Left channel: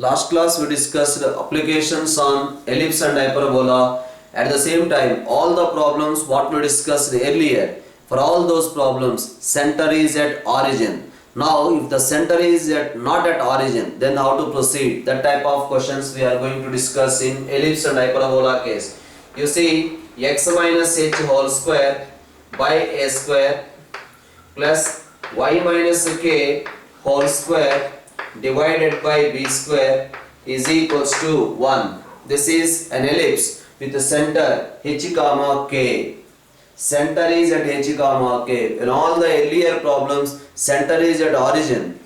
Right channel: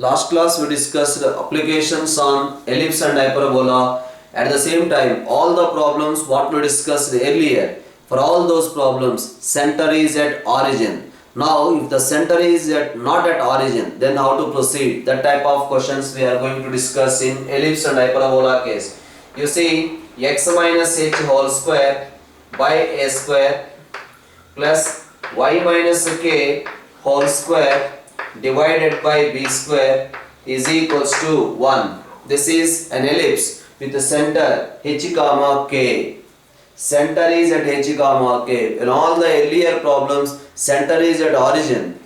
Last class we discussed applications on ellipse and hyperbola. At the same time, all the problems what we discussed earlier, for all those problems, center is at origin. Now, if the center is not at origin, then how to proceed? That type of questions we are going to discuss in ellipse and hyperbola case. You see, x minus h whole square by a square plus y minus k whole square divided by b square is equals to 1. This is an ellipse with the center h comma k. Center is at h comma k. In all the earlier problems, center is at origin.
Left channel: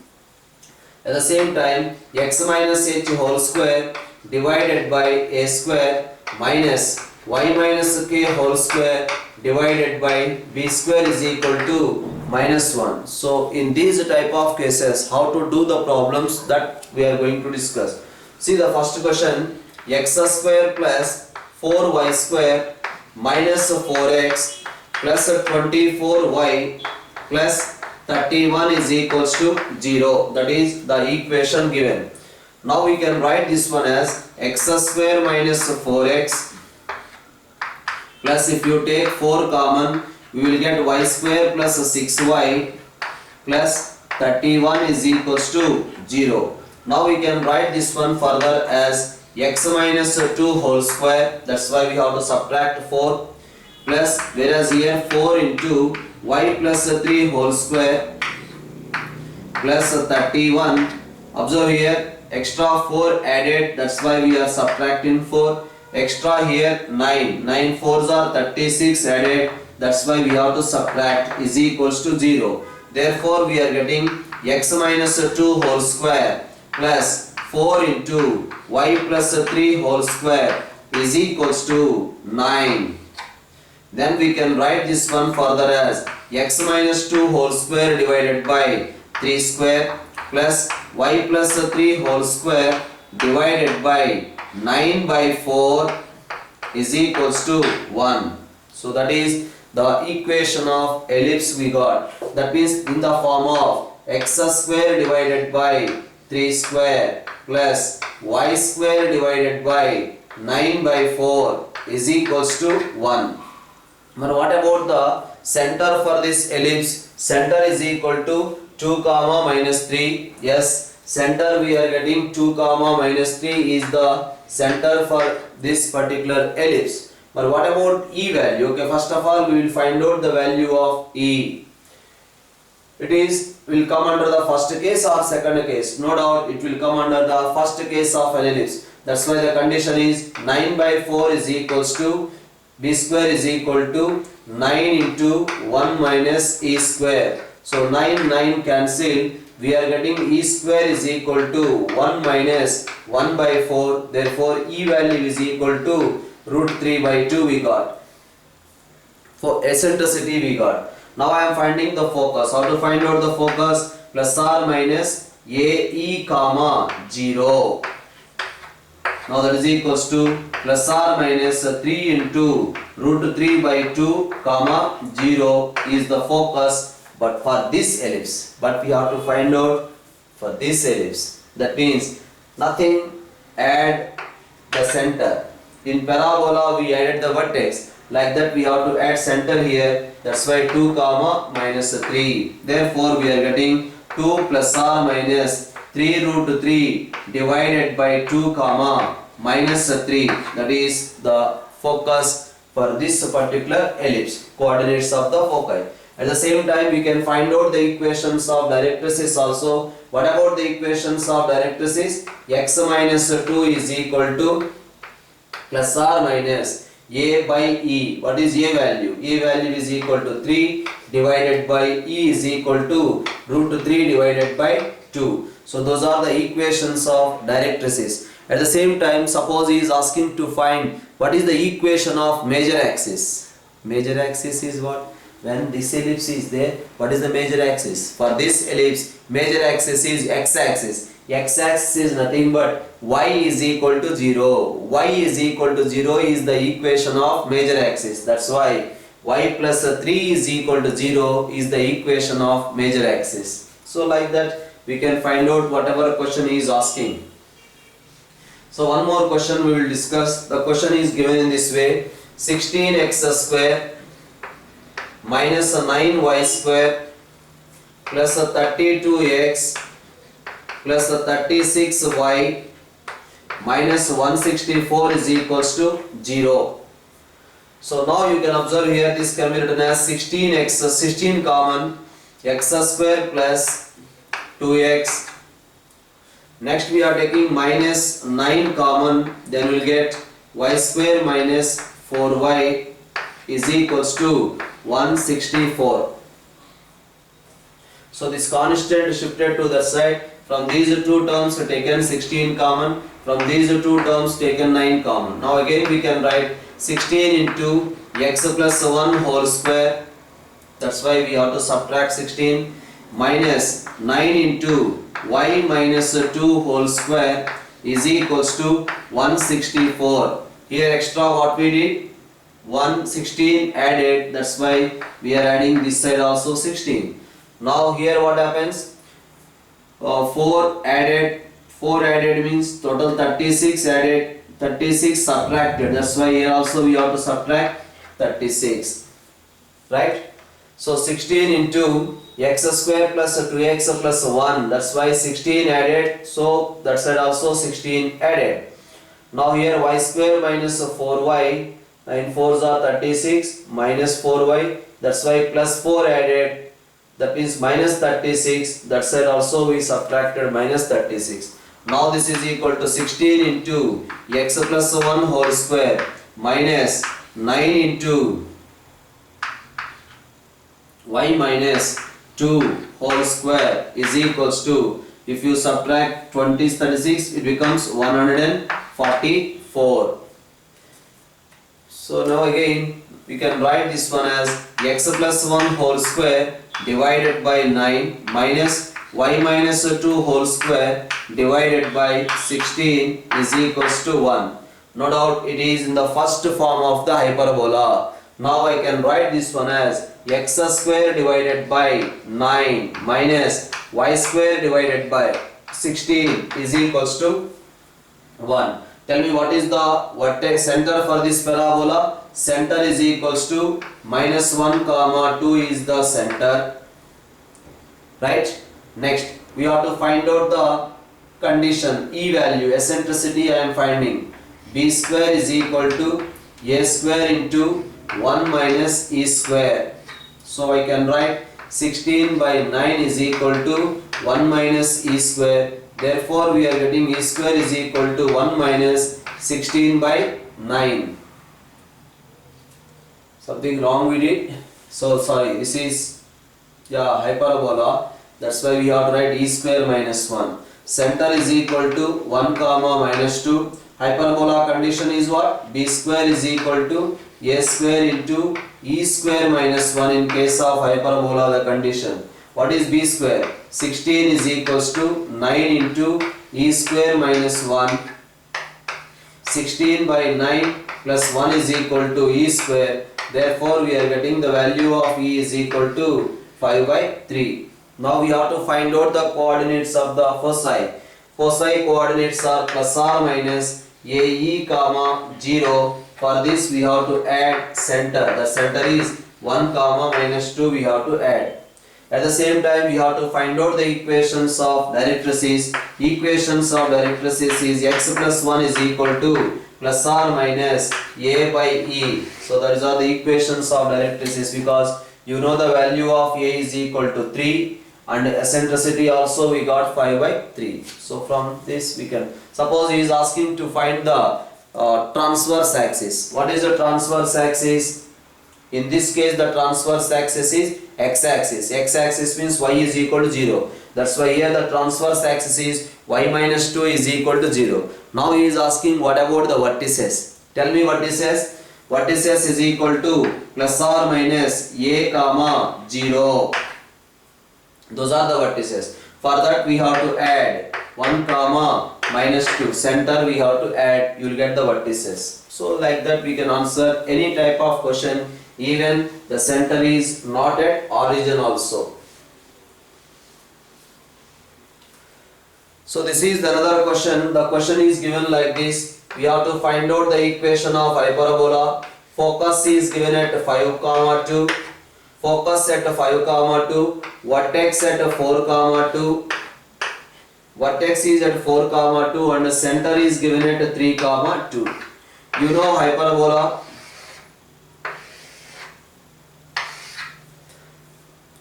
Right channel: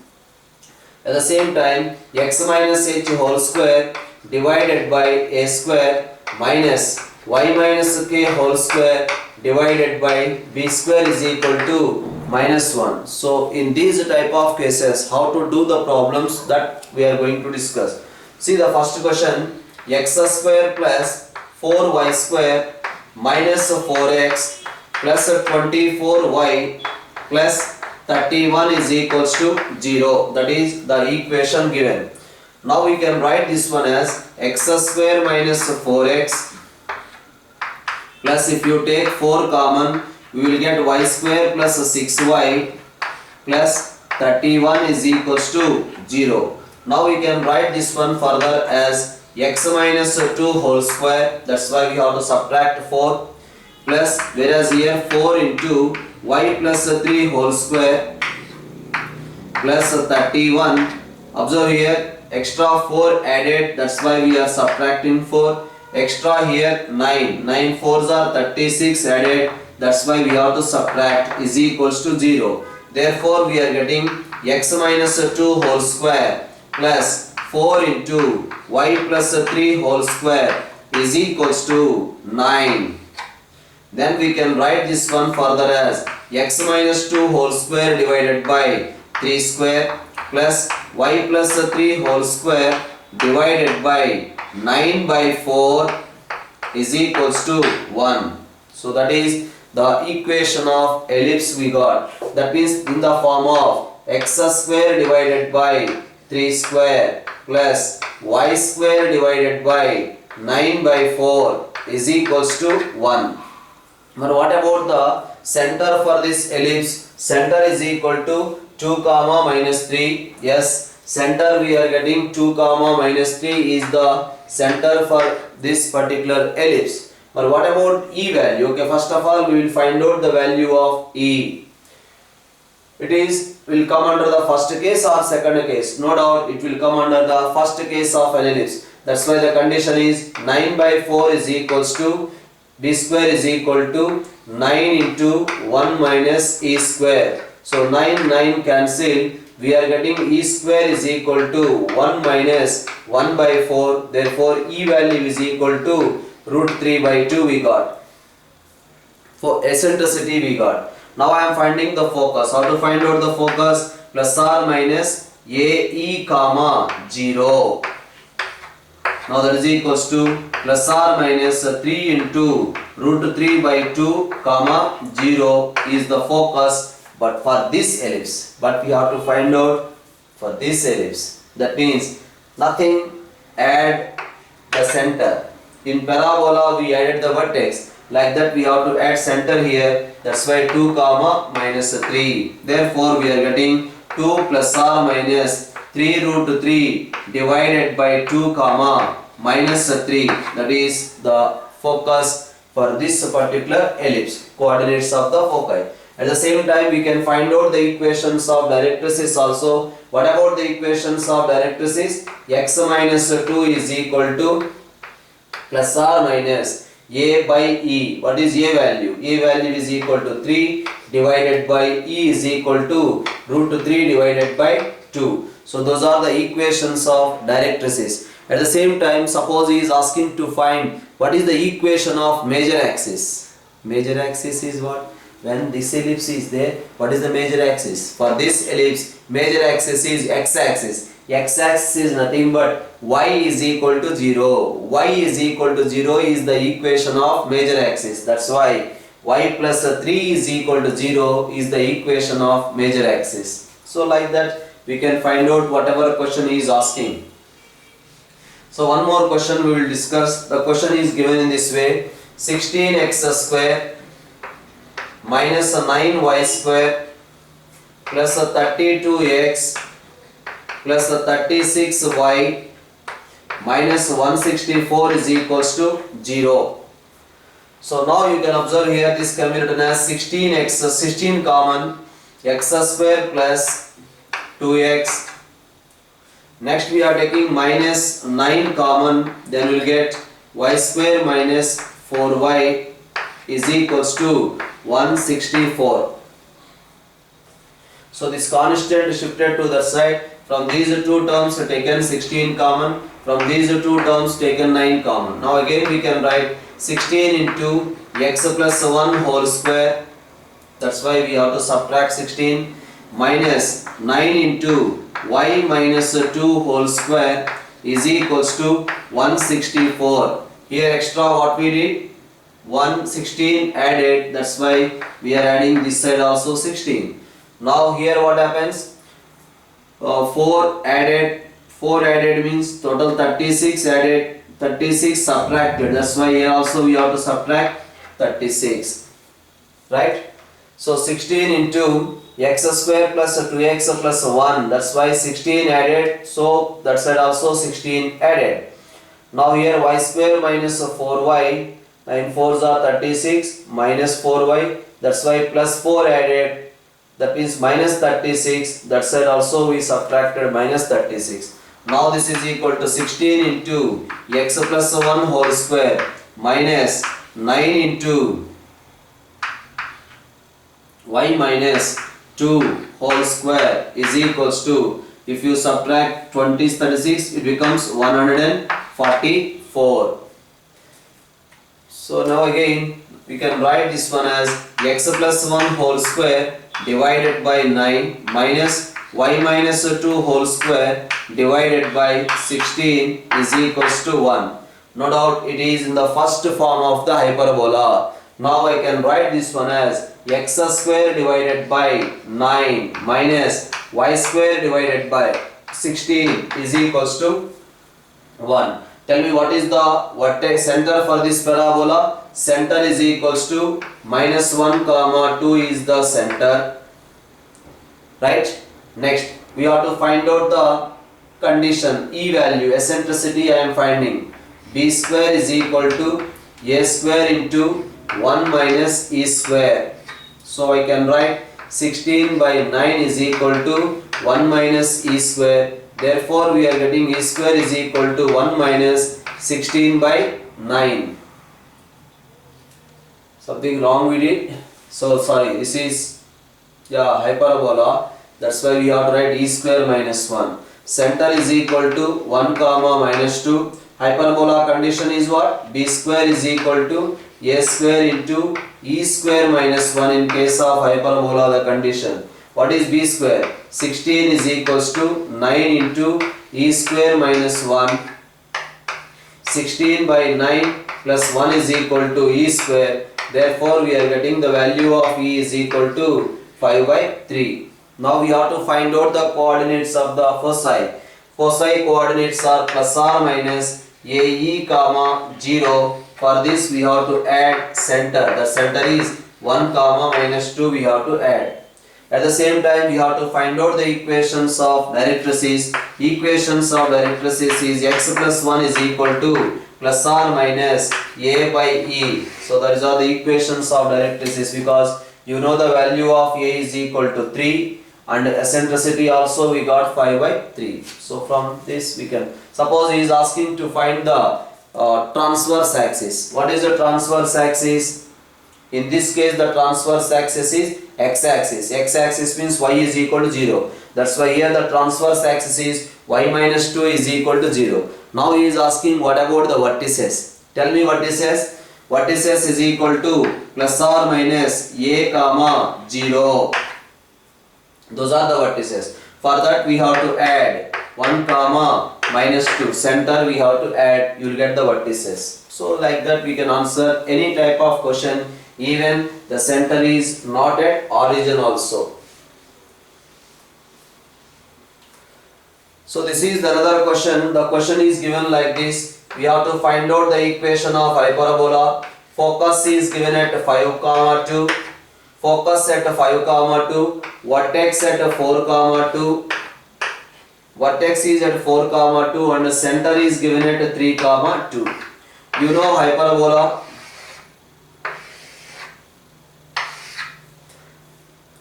At the same time, x minus h whole square divided by a square minus y minus k whole square divided by b square is equal to minus 1. So in these type of cases, how to do the problems that we are going to discuss. See the first question, x square plus 4y square minus 4x plus 24y plus 31 is equals to 0. That is the equation given. Now we can write this one as x square minus 4x plus, if you take 4 common, we will get y square plus 6y plus 31 is equals to 0. Now we can write this one further as x minus 2 whole square, that's why we have to subtract 4, plus, whereas here 4 into y plus 3 whole square plus 31. Observe here, extra 4 added, that's why we are subtracting 4. Extra here 9 4s are 36 added, that's why we have to subtract, is equals to 0. Therefore we are getting x minus 2 whole square plus 4 into y plus 3 whole square is equals to 9. Then we can write this one further as x minus 2 whole square divided by 3 square plus y plus 3 whole square divided by 9 by 4 is equals to 1. So that is the equation of ellipse we got. That means in the form of x square divided by 3 square plus y square divided by 9 by 4 is equals to 1. But what about the center for this ellipse? Center is equal to 2 comma minus 3. Yes, center we are getting 2 comma minus 3 is the center for this particular ellipse. But what about E value? Okay, first of all we will find out the value of E. It will come under the first case or second case. No doubt it will come under the first case of an ellipse. That's why the condition is 9 by 4 is equals to b square is equal to 9 into 1 minus e square. So 9 cancel. We are getting e square is equal to 1 minus 1 by 4. Therefore e value is equal to root 3 by 2 we got. For eccentricity we got. Now I am finding the focus. How to find out the focus? Plus or minus ae comma 0. Now that is equals to plus or minus 3 into root 3 by 2 comma 0 is the focus. But for this ellipse, but we have to find out for this ellipse. That means nothing, add the center. In parabola we added the vertex. Like that we have to add center here. That's why 2 comma minus 3. Therefore we are getting 2 plus or minus 3 root 3 divided by 2 comma minus 3. That is the focus for this particular ellipse. Coordinates of the foci. At the same time we can find out the equations of directrices also. What about the equations of directrices? X minus 2 is equal to plus or minus a by e. What is a value? A value is equal to 3 divided by e is equal to root 3 divided by 2. So those are the equations of directrices. At the same time, suppose he is asking to find what is the equation of major axis. Major axis is what? When this ellipse is there, what is the major axis? For this ellipse, major axis is x-axis. X-axis is nothing but y is equal to 0. Y is equal to 0 is the equation of major axis. That's why y plus 3 is equal to 0 is the equation of major axis. So like that we can find out whatever question he is asking. So one more question we will discuss. The question is given in this way: 16x square minus 9y square plus 32x plus 36y minus 164 is equals to 0. So now you can observe here, this can be written as 16x, 16 common, x square plus 2x. Next we are taking minus 9 common, then we will get y square minus 4y is equals to 164. So this constant shifted to the side. From these two terms taken 16 common, from these two terms taken 9 common. Now again we can write 16 into x plus 1 whole square, that's why we have to subtract 16, minus 9 into y minus 2 whole square is equals to 164. Here extra what we did, 116 added, that's why we are adding this side also 16. Now here what happens, 4 added means total 36 added, 36 subtracted, that's why here also we have to subtract 36, right? So 16 into x square plus 2x plus 1, that's why 16 added, so that side also 16 added. Now here y square minus 4y, 9 4s are 36, minus 4y, that's why plus 4 added, that means minus 36, that side also we subtracted minus 36. Now this is equal to 16 into x plus 1 whole square minus 9 into y minus 2 whole square is equals to, if you subtract 20 36, it becomes 144. So now again we can write this one as x plus 1 whole square divided by 9 minus y minus 2 whole square divided by 16 is equals to 1. No doubt it is in the first form of the hyperbola. Now I can write this one as x square divided by 9 minus y square divided by 16 is equals to 1. Tell me what is the vertex center for this parabola? Center is equals to minus 1 comma 2 is the center, right? Next we have to find out the condition, E value, eccentricity I am finding. B square is equal to a square into 1 minus e square. So I can write 16 by 9 is equal to 1 minus e square. Therefore we are getting e square is equal to 1 minus 16 by 9. Something wrong we did. So sorry, this is hyperbola. That's why we have to write e square minus 1. Center is equal to 1 comma minus 2. Hyperbola condition is what? B square is equal to a square into e square minus 1 in case of hyperbola the condition. What is b square? 16 is equals to 9 into e square minus 1. 16 by 9 plus 1 is equal to e square. Therefore we are getting the value of e is equal to 5 by 3. Now we have to find out the coordinates of the foci. Foci coordinates are plus or minus ae comma 0. For this we have to add center. The center is 1 comma minus 2 we have to add. At the same time we have to find out the equations of directrices. Equations of directrices is x plus 1 is equal to plus or minus a by e. So that is all the equations of directrices, because you know the value of a is equal to 3 and eccentricity also we got 5 by 3. So from this we can, suppose he is asking to find the transverse axis. What is the transverse axis? In this case the transverse axis is x-axis. X-axis means y is equal to 0. That's why here the transverse axis is y minus 2 is equal to 0. Now he is asking what about the vertices. Tell me vertices. Vertices is equal to plus or minus a comma 0. Those are the vertices. For that we have to add 1 comma minus 2. Center we have to add, you will get the vertices. So like that we can answer any type of question, even the center is not at origin also. So this is another question. The question is given like this. We have to find out the equation of hyperbola. Focus is given at 5, 2. Focus at 5, 2. Vertex at 4, 2. Vertex is at 4, 2 and the center is given at 3, 2. You know hyperbola,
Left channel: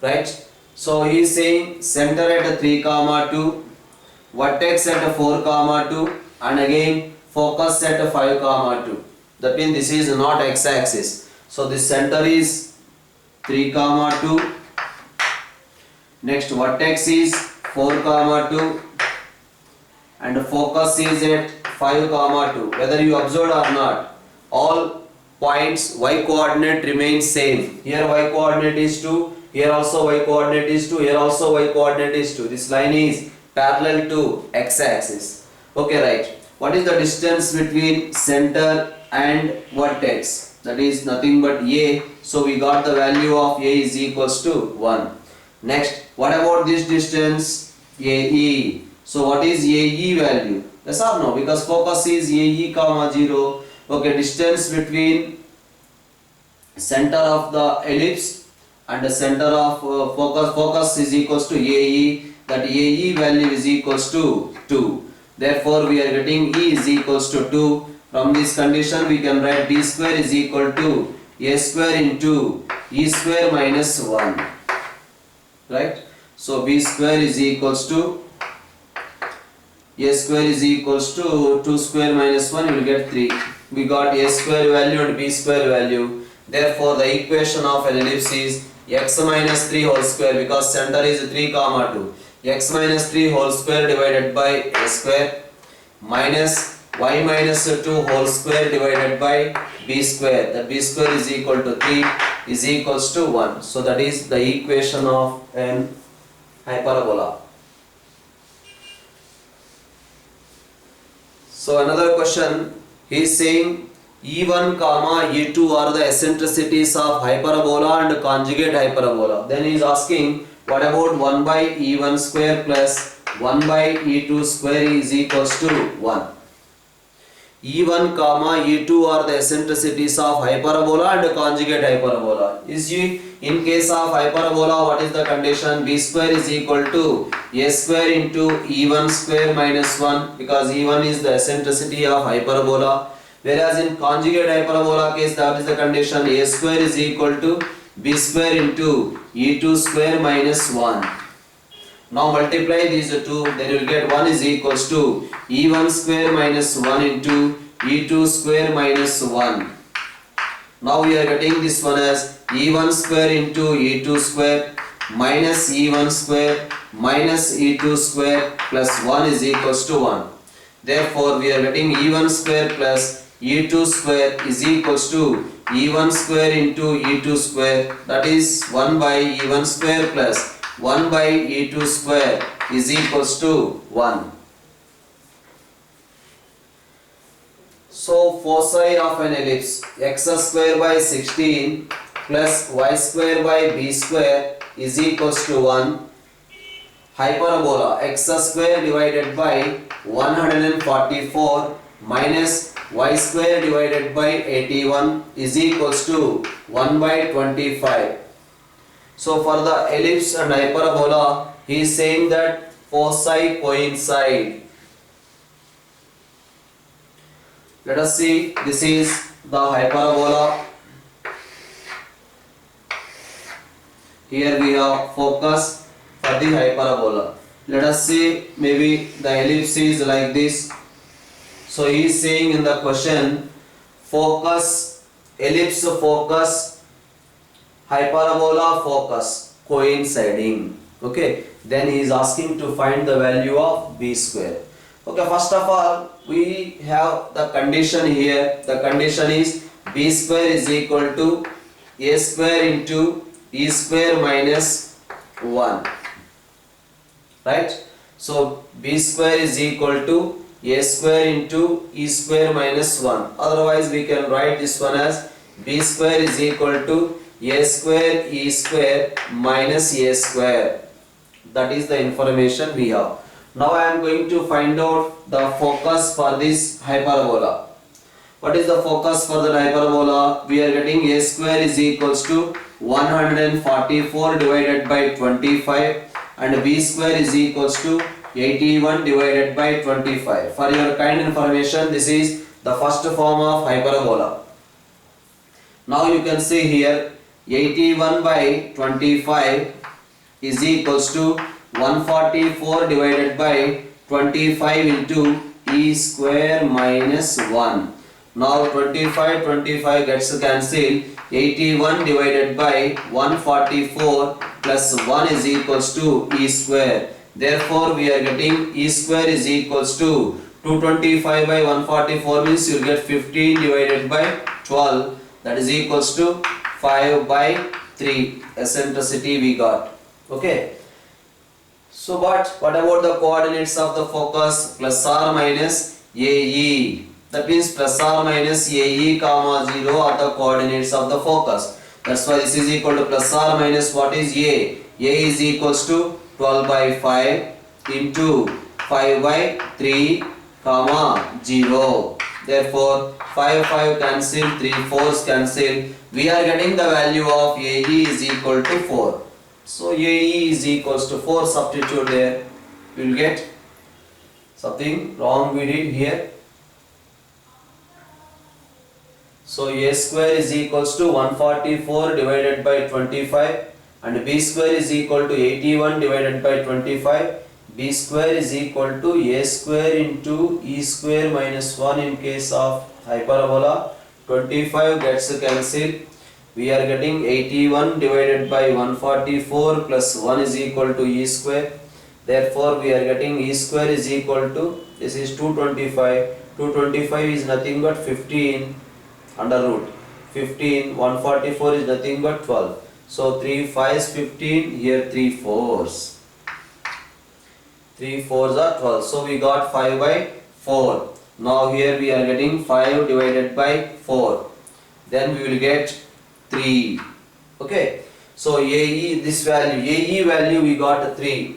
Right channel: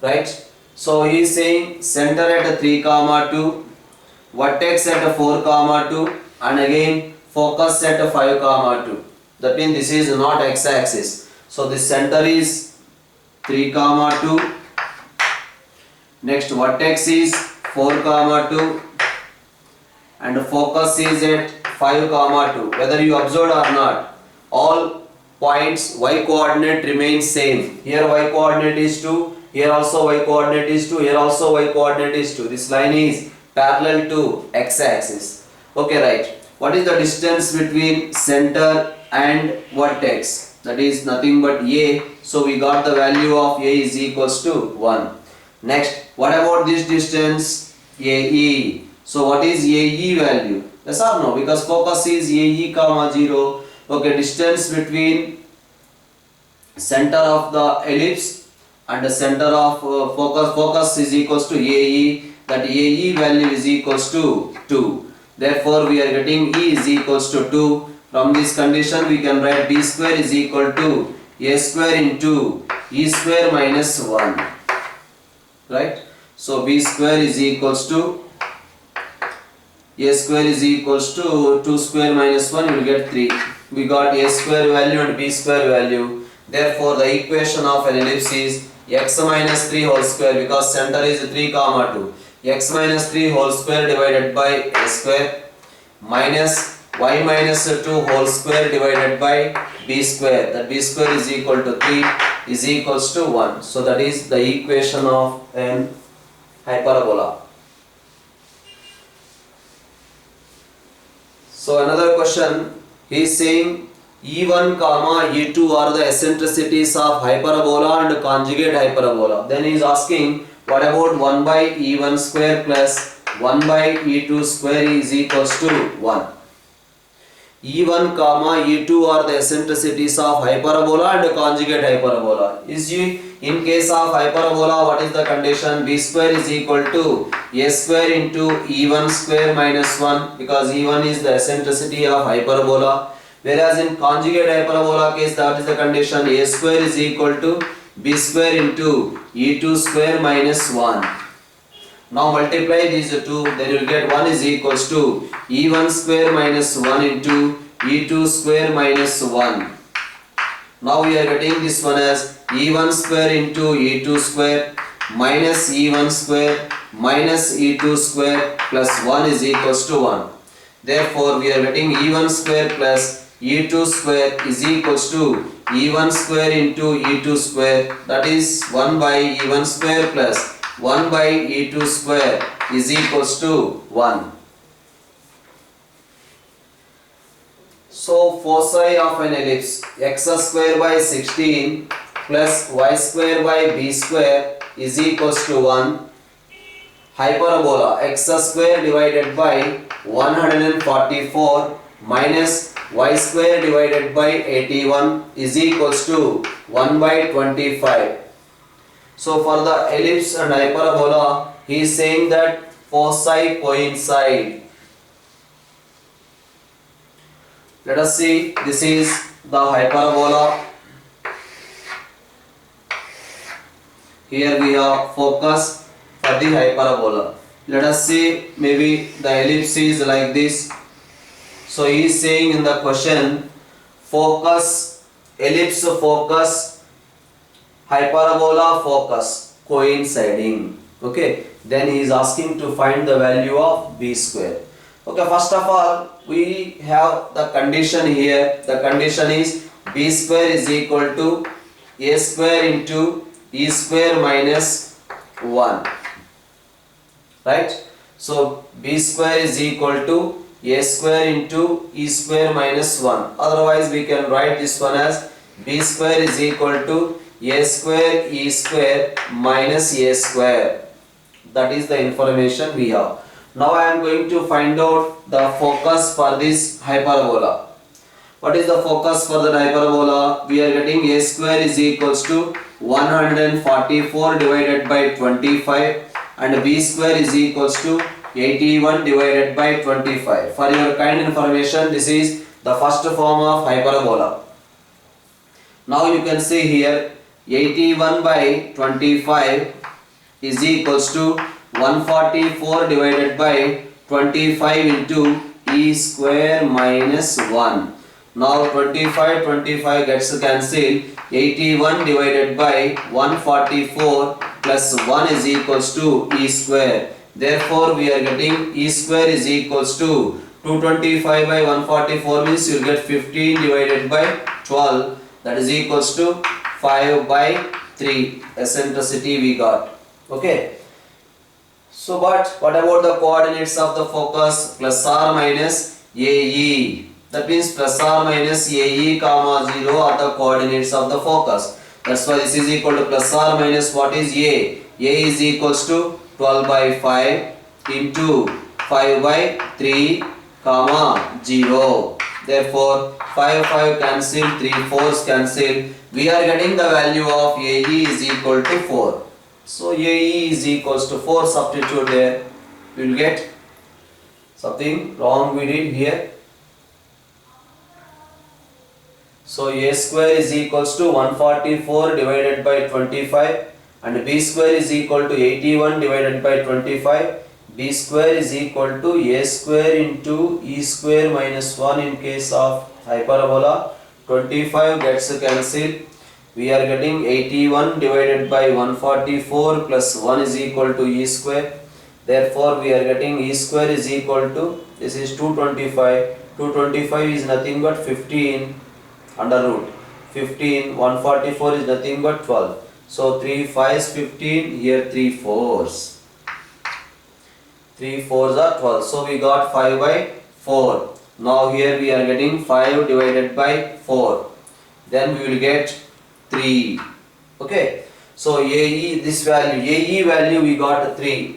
right? So he is saying center at 3, 2, vertex at 4, 2 and again focus at 5, 2. That means this is not x-axis. So the center is 3, 2. Next vertex is 4, 2 and focus is at 5, 2. Whether you observed or not, all points y coordinate remains same. Here y coordinate is 2, here also y coordinate is 2, here also y coordinate is 2. This line is parallel to x-axis. Okay, right. What is the distance between center and vertex? That is nothing but a. So we got the value of a is equals to 1. Next, what about this distance? AE. So what is AE value? Yes or no? Because focus is AE, 0. Okay, distance between center of the ellipse and the center of focus is equals to AE. That AE value is equals to 2. Therefore, we are getting E is equals to 2. From this condition, we can write B square is equal to A square into E square minus 1. Right? So B square is equals to A square is equals to 2 square minus 1, you will get 3. We got A square value and B square value. Therefore, the equation of an ellipse is x minus 3 whole square, because center is 3, 2. X minus 3 whole square divided by A square minus y minus 2 whole square divided by B square. That B square is equal to 3 is equals to 1. So that is the equation of an hyperbola. So another question, he is saying E1, E2 are the eccentricities of hyperbola and conjugate hyperbola. Then he is asking, what about 1 by E1 square plus 1 by E2 square is equals to 1. E1, E2 are the eccentricities of hyperbola and conjugate hyperbola. In case of hyperbola, what is the condition? B square is equal to A square into E1 square minus 1, because E1 is the eccentricity of hyperbola. Whereas in conjugate hyperbola case, that is the condition, A square is equal to B square into E2 square minus 1. Now multiply these two, then you will get 1 is equals to E1 square minus 1 into E2 square minus 1. Now we are getting this one as E1 square into E2 square minus E1 square minus E2 square plus 1 is equals to 1. Therefore, we are getting E1 square plus E2 square is equals to E1 square into E2 square, that is 1 by E1 square plus 1 by E2 square is equals to 1. So foci of an ellipse, x square by 16 plus y square by b square is equals to 1. Hyperbola, x square divided by 144 minus y square divided by 81 is equals to 1 by 25. So for the ellipse and hyperbola, he is saying that foci coincide. Let us see, this is the hyperbola. Here we have focus for the hyperbola. Let us see, maybe the ellipse is like this. So he is saying in the question, focus, ellipse focus, hyperbola focus coinciding. Okay, then he is asking to find the value of b square. Okay, first of all, we have the condition here. The condition is b square is equal to a square into e square minus 1. Right? So b square is equal to a square into e square minus 1. Otherwise, we can write this one as b square is equal to a square e square minus a square. That is the information we have. Now I am going to find out the focus for this hyperbola. What is the focus for the hyperbola? We are getting a square is equals to 144 divided by 25 and b square is equals to 81 divided by 25. For your kind information, this is the first form of hyperbola. Now you can see here 81 by 25 is equals to 144 divided by 25 into e square minus 1. Now 25 gets cancelled. 81 divided by 144 plus 1 is equals to e square. Therefore we are getting e square is equals to 225 by 144 means you will get 15 divided by 12, that is equals to 5 by 3 eccentricity we got. Okay. So what about the coordinates of the focus? Plus or minus AE. That means plus or minus AE comma 0 are the coordinates of the focus. That's why this is equal to plus or minus what is A? A is equals to 12 by 5 into 5 by 3 comma 0. Therefore 5 cancel, 3 4s cancel. We are getting the value of AE is equal to 4. So AE is equals to 4, substitute there. You will get something wrong we did here. So A square is equals to 144 divided by 25 and B square is equal to 81 divided by 25. B square is equal to A square into E square minus 1 in case of hyperbola. 25 gets cancelled. We are getting 81 divided by 144 plus 1 is equal to E square. Therefore we are getting E square is equal to, this is 225. 225 is nothing but 15 under root. 15, 144 is nothing but 12. So 3 5s 15, here 3 4s. 3 4s are 12. So we got 5 by 4. Now here we are getting 5 divided by 4. Then we will get 3. Okay. So AE, this value, AE value we got 3.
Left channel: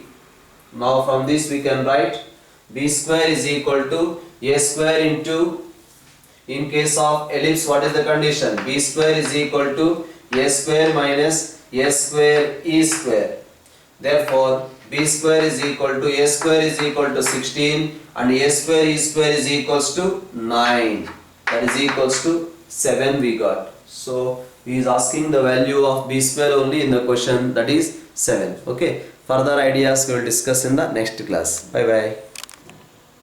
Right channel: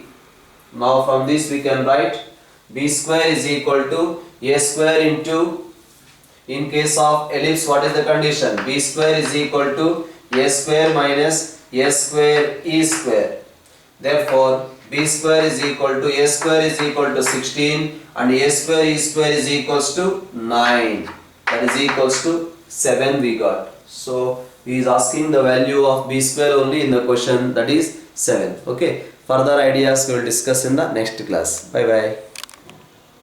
Now from this we can write B square is equal to A square into, in case of ellipse what is the condition? B square is equal to A square minus A square E square. Therefore B square is equal to A square is equal to 16 and A square E square is equals to 9. That is equals to 7 we got. So he is asking the value of B square only in the question, that is 7. Okay. Further ideas we will discuss in the next class. Bye bye.